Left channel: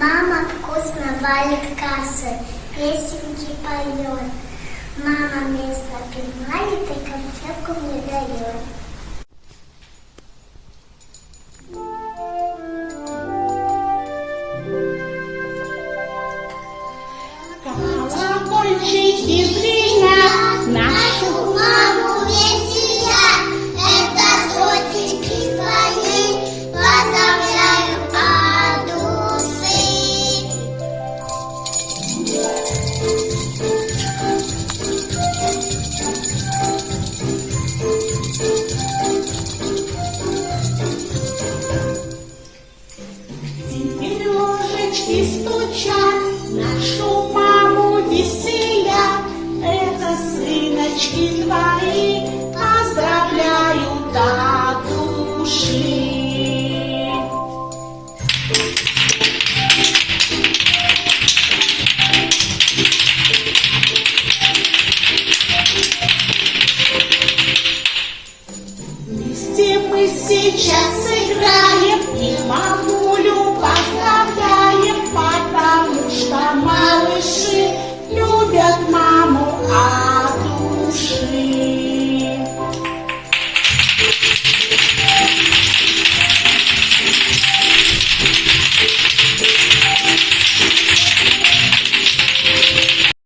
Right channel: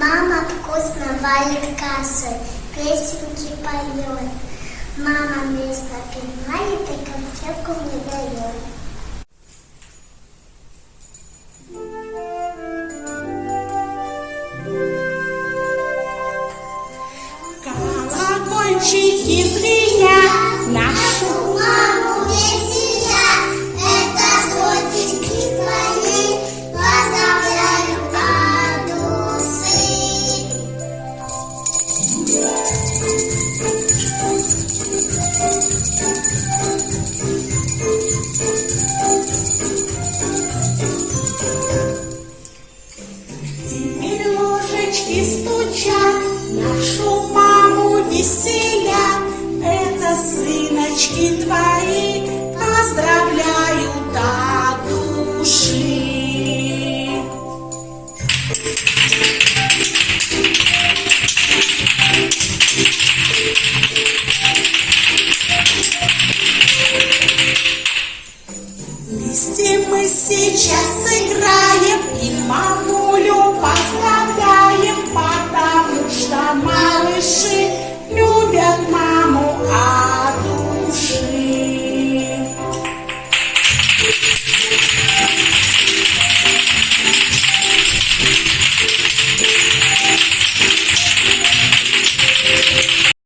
Мама вкусно варит кашу, песенки поет. Мама место напинает и конфетку мне дает. Колокольчики звенят, нашу Маму веселят, это сотеньки твои, поздравляю от души. теперь ложечки стучат, нашу маму веселят. Это сыночки твои, поздравляю до души. Вместе мы сейчас сыграем и мамулю поздравляем, потому что малыши любят маму от души.